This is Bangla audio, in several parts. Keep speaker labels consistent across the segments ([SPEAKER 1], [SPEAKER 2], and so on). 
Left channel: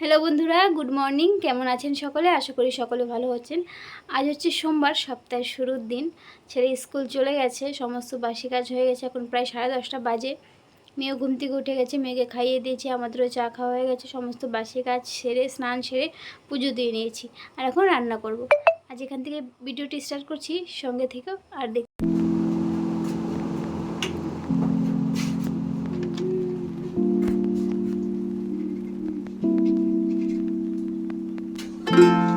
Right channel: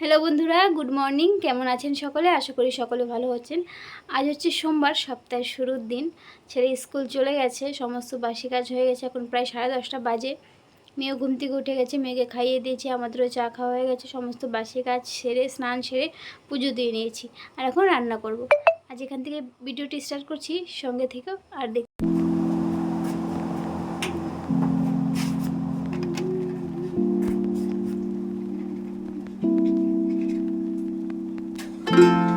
[SPEAKER 1] হ্যালো বন্ধুরা, গুড মর্নিং। কেমন আছেন সকলে? আশা করি সকলে ভালো হচ্ছেন আজ হচ্ছে সোমবার, সপ্তাহের শুরুর দিন। ছেলে স্কুল চলে গেছে, সমস্ত বাসি কাজ হয়ে গেছে। এখন প্রায় সাড়ে দশটা বাজে। মেয়েও ঘুম থেকে উঠে গেছে, মেয়েকে খাইয়ে দিয়েছি, আমাদেরও চা খাওয়া হয়ে গেছে, সমস্ত বাসি কাজ সেরে, স্নান সেরে পুজো দিয়ে নিয়েছি। আর এখন রান্না করব। আজ এখান থেকে ভিডিওটি স্টার্ট করছি, সঙ্গে থেকেও আর দেখ এখানে একটু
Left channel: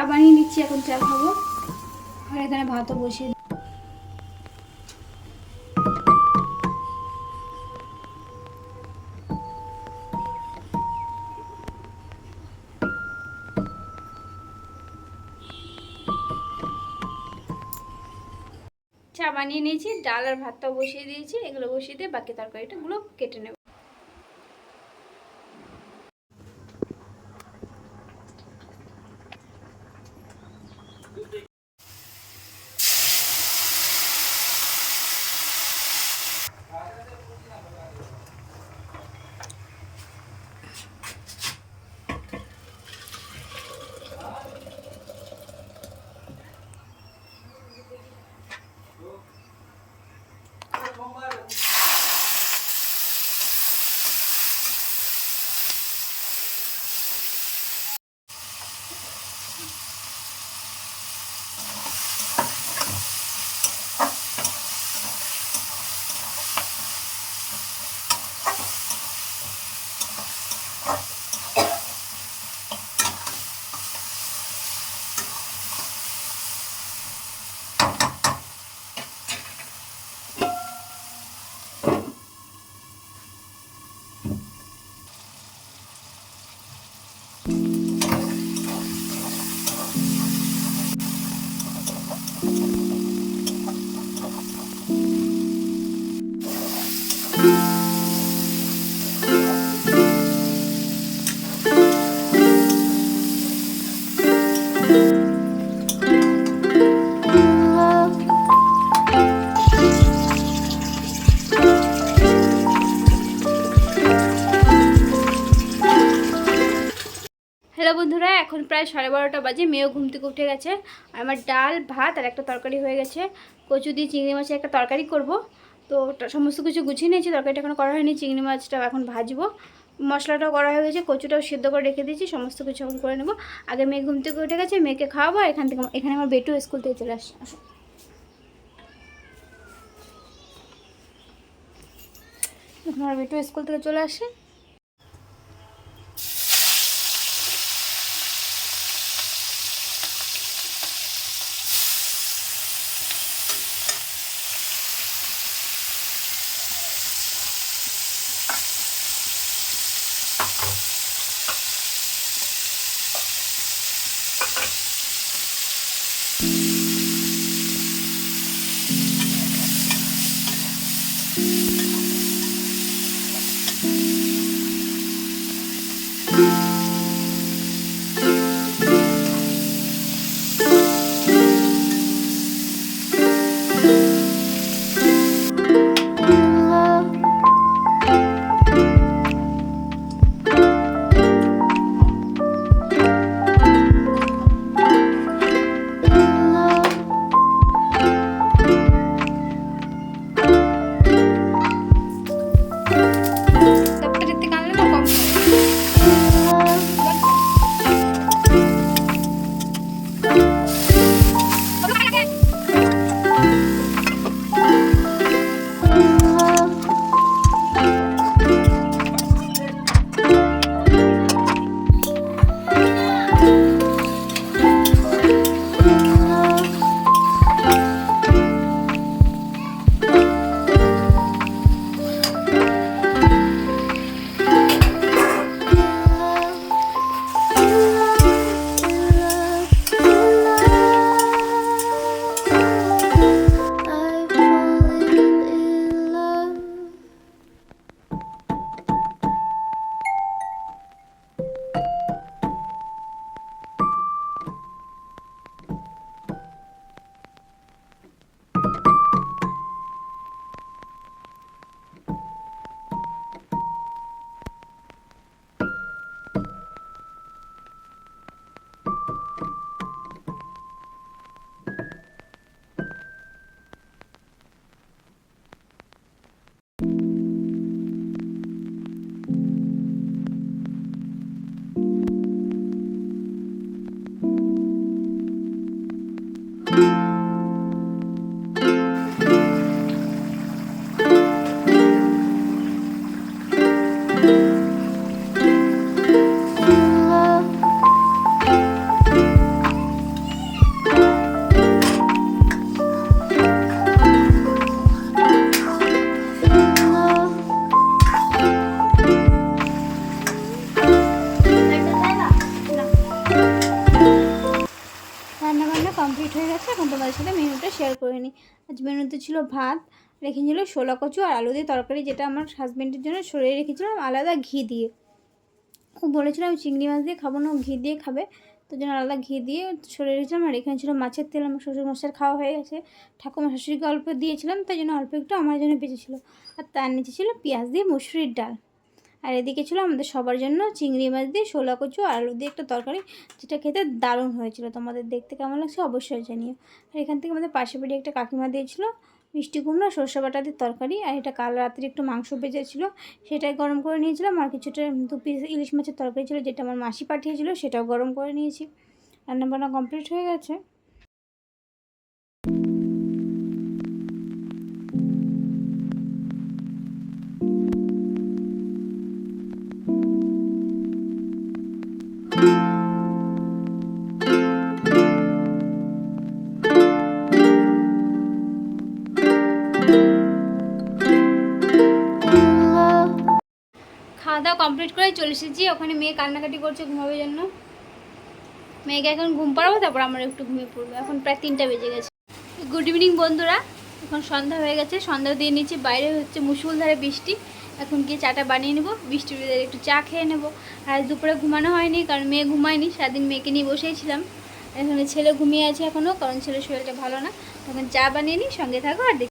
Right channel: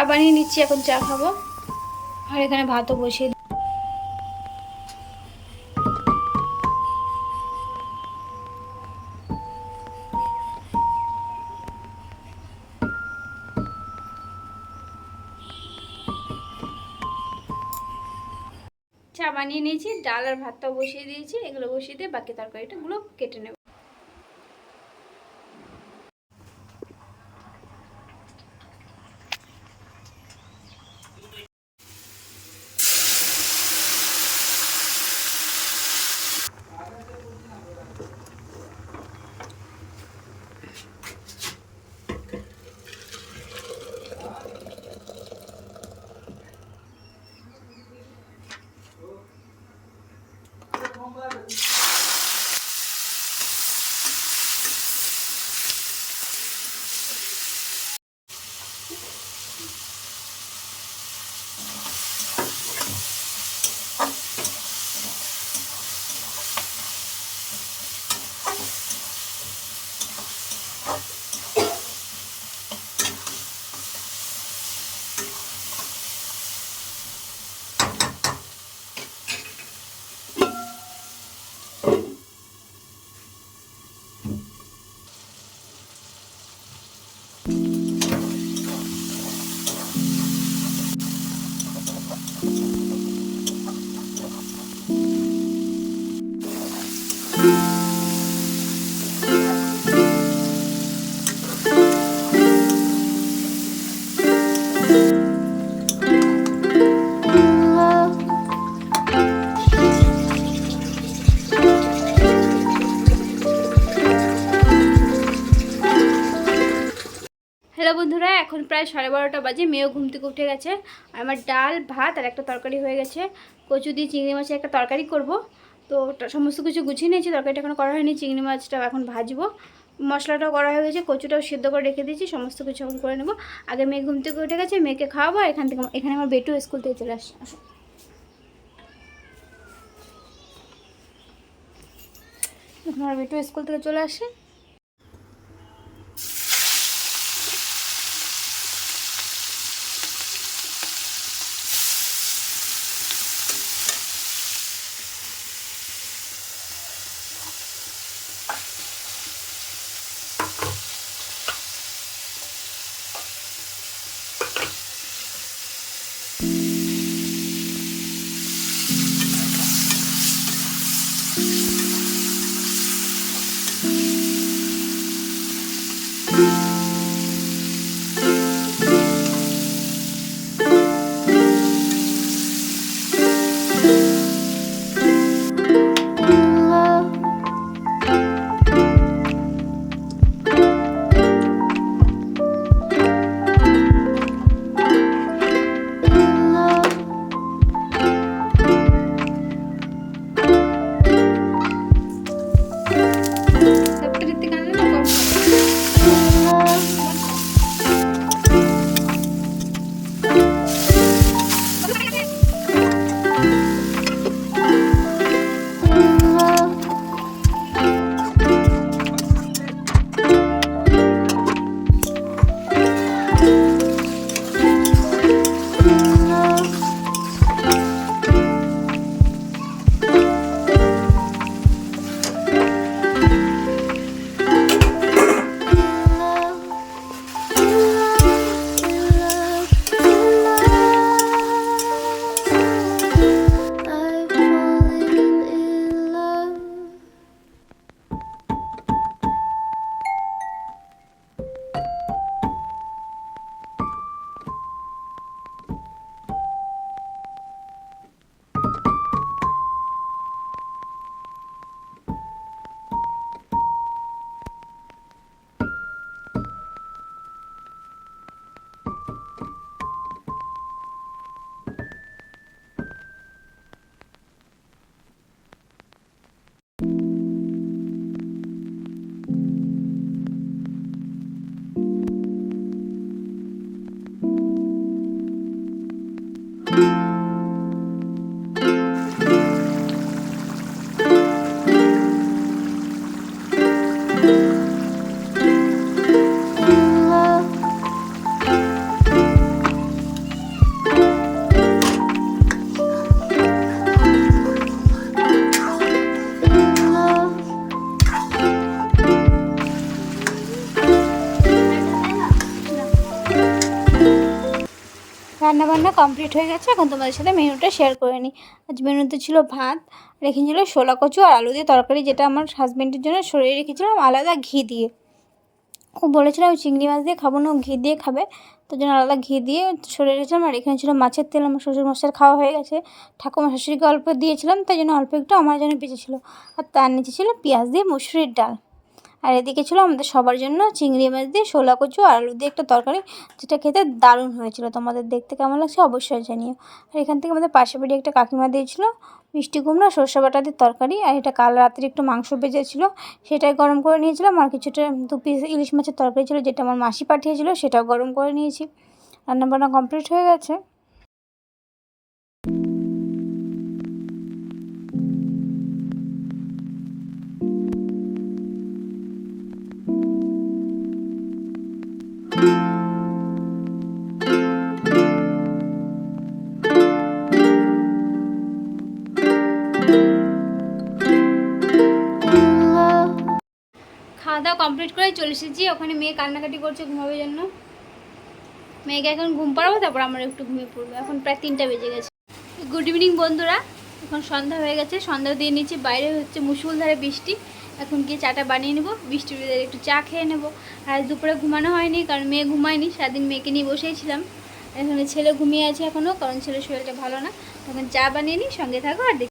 [SPEAKER 1] চা বানিয়ে নিচ্ছি, এখন চা খাব। আর এখানে ভাতও বসিয়ে চা বানিয়ে নিয়েছি, ডাল আর ভাতটাও বসিয়ে দিয়েছি, এগুলো বসিয়ে দিয়ে বাকি তরকারিটাগুলো কেটে নেব। এখন প্রায় সাড়ে বারোটা বাজে, মেয়েও ঘুম থেকে উঠে গেছে। আমার ডাল, ভাত আর একটা তরকারি হয়ে গেছে। কচু দিয়ে চিংড়ি মাছের একটা তরকারি করব। তো সমস্ত কিছু গুছিয়ে নিয়েছি, তরকারিটা এখন করা হয়নি, চিংড়ি মাছটা এখন ভাজবো। মশলাটাও করা হয়ে গেছে, কচুটাও সিদ্ধ করে রেখে দিয়েছি, সমস্ত কিছু এখন করে নেব। আগে মেয়ে ঘুম থেকে উঠে গেছে, মেয়েকে খাওয়াবো এখান থেকে এখানে আমার বেটু স্কুল থেকে চলে আসো। আমার বেটু স্কুল থেকে চলে আসে। গেছে এখন তোমাদের সাথে মেনুটা শেয়ার করে নিই। আজ মেনুতে ছিল ভাত, রেখেছিল শোলা কচু আর আলু দিয়ে তরকারি, যেটা আমার হাজব্যান্ডের জন্য সরিয়ে রেখেছিলাম আলাদা ঘি দিয়ে। ও বলেছিলাম চিংড়ি মাছ দিয়ে খাব না ঘি দিয়ে খাবে। তার জন্য আলাদা ঘি দিয়ে সরিয়ে রেখেছিলাম আর এখানে ছিল মাছের তেল, আমার শ্বশুর মশার খাওয়া হয়ে গেছে। ঠাকুমা শাশুড়িকে অল্প দিয়েছিলাম, তাই জন্য অল্প একটু আমার জন্য বেঁচেছিলো। আর তার নিচে ছিল পেঁয়াজ দিয়ে মুসুরির ডাল। আর এদিকে ছিল আমাদের সবার জন্য চিংড়ি মাছ দিয়ে শোলা কচু আর আলু দিয়ে একটা তরকারি, যেটা খেতে দারুণ হয়েছিল। তোমাদের দেখতে কেমন লাগছে অবশ্যই জানিও। আর এখান থেকে আমাদের পাশে বাড়ি একটা কাকিমা দিয়েছিল, মিষ্টি কুমড়া, সর্ষে বাটা দিয়ে তরকারি, আর এটা কাল রাত্রে একটু মাংস ভেজেছিল, সেটাই গরম করে নিয়েছিলাম। আর কিছুটা দু পিস ইলিশ মাছের তরকারি ছিল, যেটা আমার মাসি পাঠিয়েছিল, সেটাও গরম করে নিয়েছি। রান্নাবান্না কমপ্লিট হয়ে গেছে। খাওয়া দাওয়া কমপ্লিট করে চলে এসেছি। ওখানে মেয়ে কান্নাকাটি করছে ঘুমাবে জন্য। মেয়েকে এখন ঘুম পাড়াবো, তারপর আমরা একটু ঘুমিয়ে পড়ব। এখন প্রায় তিনটা বেজে গেছে। গুড ইভিনিং বন্ধুরা। এখন সন্ধ্যা হয়ে গেছে। সন্ধ্যা দিয়ে নিচ্ছি। বাইরে হচ্ছে মুসুলধারে বৃষ্টি। এখন গিয়ে চাটা বানিয়ে নেব। ভিতরে একটু চা খেয়ে নেব। আর দুপুরে ঘুমানো হয়নি, কারণ মেয়ে ঘুমায়নি। সারাদিন মেয়েকে নিয়ে বসেইছিলাম এখানে ছেলে ঘুমিয়ে আছে এখনও কারণ ছেলের শরীরটা ভালো না। তখন চা বানিয়ে নিই, সঙ্গে থাকো, আর দেখি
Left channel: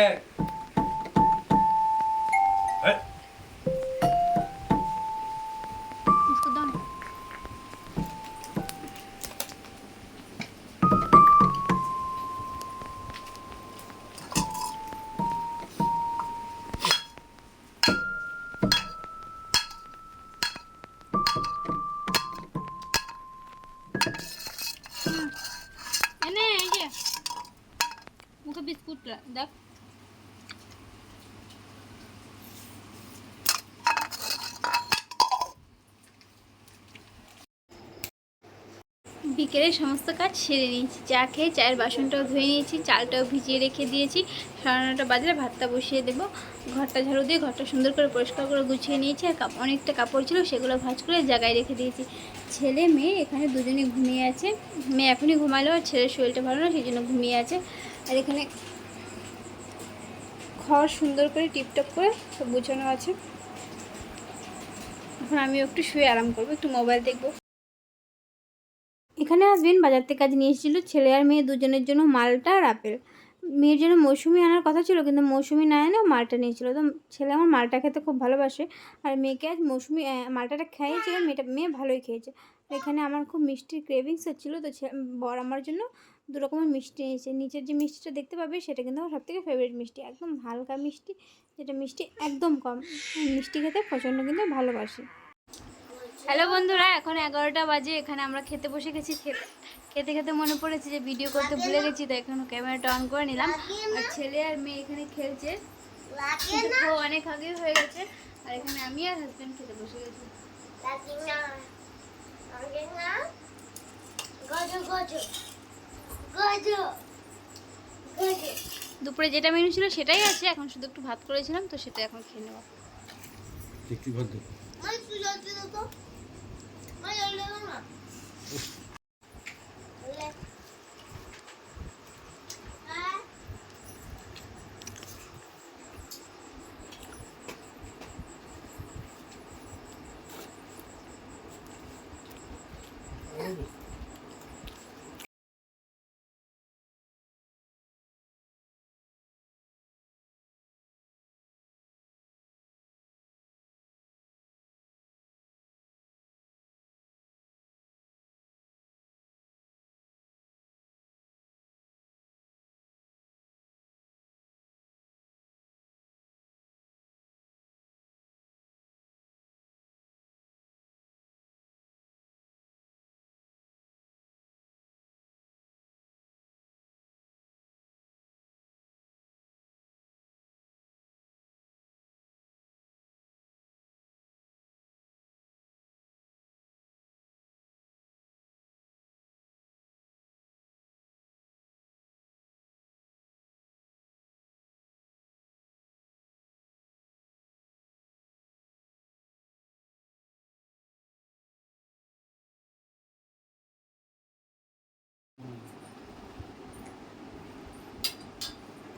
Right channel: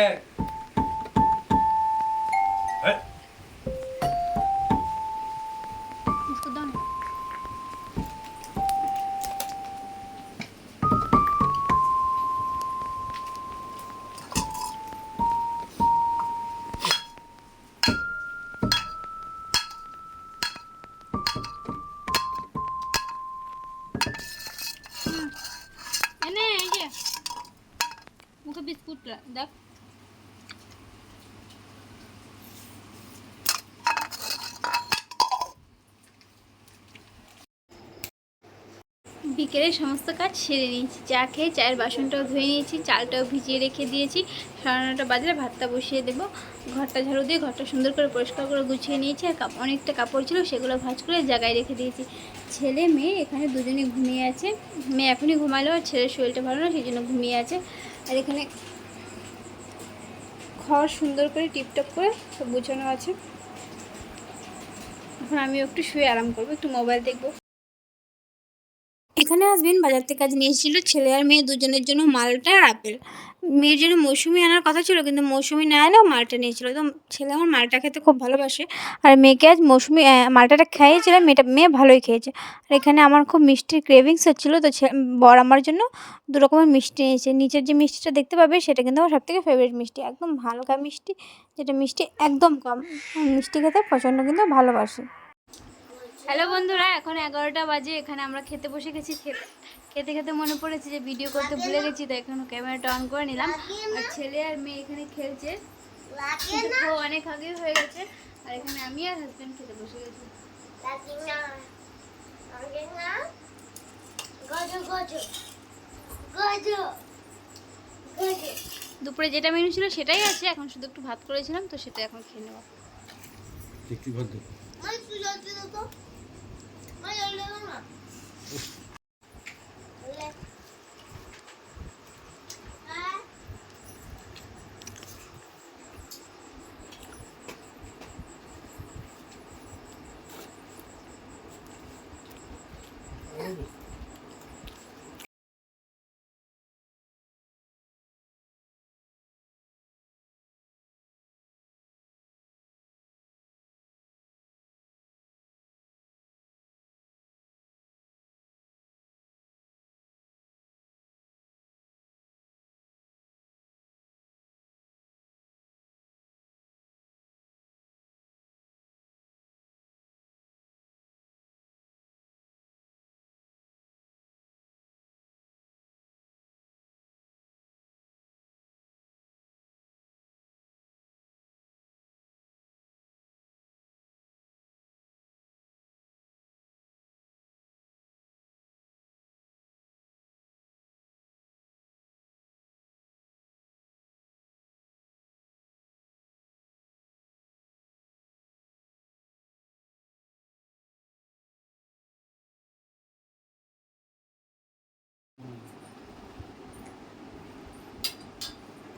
[SPEAKER 1] ええ એને એ જે મુખે બિસ્કુટ રાખ বিকেলে সমস্ত কাজ সেরে নিয়েছি। চা খেয়ে চায়ের বাসনটাও ধুয়ে নিয়েছি, চালটাও ভিজিয়ে রেখে দিয়েছি। সাড়ে নটা বাজলে ভাতটা বসিয়ে দেবো। ঘরটা ঝাড়ু দিয়ে ঘরটা সুন্দর করে পরিষ্কার করে গুছিয়ে নিয়েছি আর অনেকটা কাপড় ছিল সেগুলো ভাঁজ করে জায়গায় রেখে দিয়েছি। ছেলে মেয়ে এখানে দুজনে ঘুমিয়ে আছে। মেয়ে এখনই ঘুমালো আর ছেলের শরীরটা ভালো না, সেই জন্য ঘুমিয়ে আছে। আর এখানে ঘর সুন্দর করে টিপটপ করে সব গুছানো আছে। এখন আমি একটু শুয়ে আরাম করব, একটু মোবাইল দেখব। এখানে আসবেন, বাজার থেকে কাজ নিয়ে এসেছিল ছেলে আর মেয়ে দুজনের জন্য মালটা আর আপেল। মেয়ের জন্য মৌসুমি আনার কথা ছিল, কিন্তু মৌসুমি না এলেও মালটা নিয়েছিল তো ছেলে আমার মালটা খেতে খুব ভালোবাসে। আর মেয়েকে আজ মৌসুমি মালটাটা খাইয়েছিল মেয়েটা, মেয়ে ভালোই খেয়েছে। আর এখানে আমার খুব মিষ্টির ক্রেভিংস হচ্ছিল, তো বর আমার জন্য দু রকমের মিষ্টি নিয়েছে নিচের যে মিষ্টিটা দেখতে পাবে, সেটা কিন্তু আমার সবথেকে ফেভারিট মিষ্টি। একদম হালকা মিষ্টি, যেটা মিষ্টি একদম কম। মিষ্টি খেতে প্রচণ্ড কিন্তু ভালোবাসি। হ্যালো বন্ধুরা এখন এগারোটা বাজে এখানে আমরা খেতে বসে গেছি। খেতে খেতে খেতে মনে পড়েছে যে ভিডিও করতে ভুলে গেছি তো এখন ক্যামেরাটা অন করে নিলাম। আর ছেলে আর মেয়ে এখানে খেলছে। ও অনেক আগে হয়ে গেছে। আর এখানে আমি আর হাজব্যান্ড খেতে বসে গেছি। দুপুরে যেটা মেনু ছিল সেটাই আছে এখন শুধু একটু ভাত করেছিলাম তো সেটা এখন খেয়ে নেব।
[SPEAKER 2] দেখি ভদ্র
[SPEAKER 3] মানে তুই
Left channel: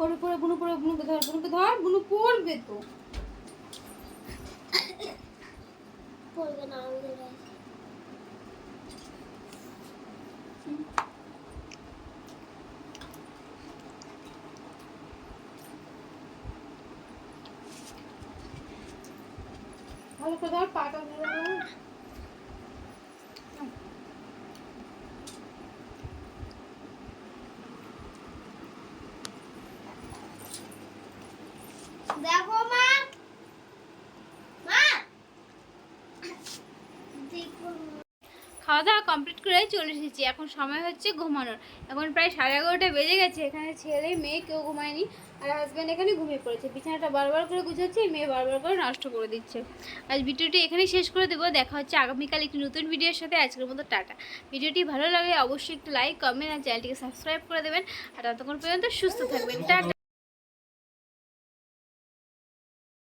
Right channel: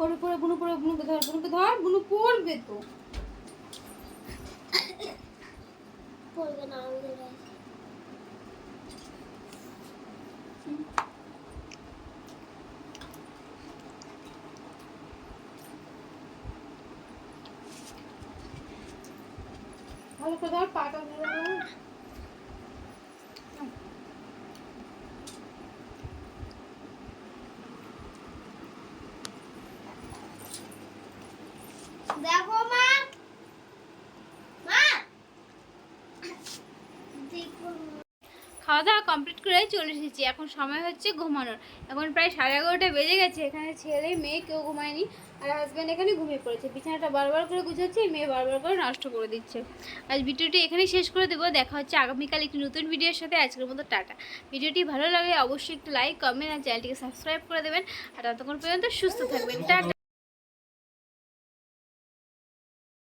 [SPEAKER 1] পরে পরে বুনু পরে বুনুকে ধর বুনুকে ধর বুনু পড়বে তো।
[SPEAKER 3] পড়বে না
[SPEAKER 1] ভালো করে ধর পাটা খাওয়া দাওয়া কমপ্লিট করে চলে এসেছি। এখন সময় হচ্ছে ঘুমানোর। এখন প্রায় সাড়ে এগারোটা বেজে গেছে। এখানে ছেলে, মেয়ে কেউ ঘুমায়নি। আর হাজব্যান্ড এখানে ঘুমিয়ে পড়েছে। বিছানাটা বারবার করে গুছাচ্ছে মেয়ে বারবার করে নষ্ট করে দিচ্ছে। আজ ভিডিওটি এখানেই শেষ করে দেবো। দেখা হচ্ছে আগামীকাল একটি নতুন ভিডিওর সাথে। আজকের মতো টাটা। ভিডিওটি ভালো লাগলে অবশ্যই একটু লাইক কমেন্ট আর চ্যানেলটিকে সাবস্ক্রাইব করে দেবেন। আর ততক্ষণ পর্যন্ত সুস্থ থাকবেন। টাটা।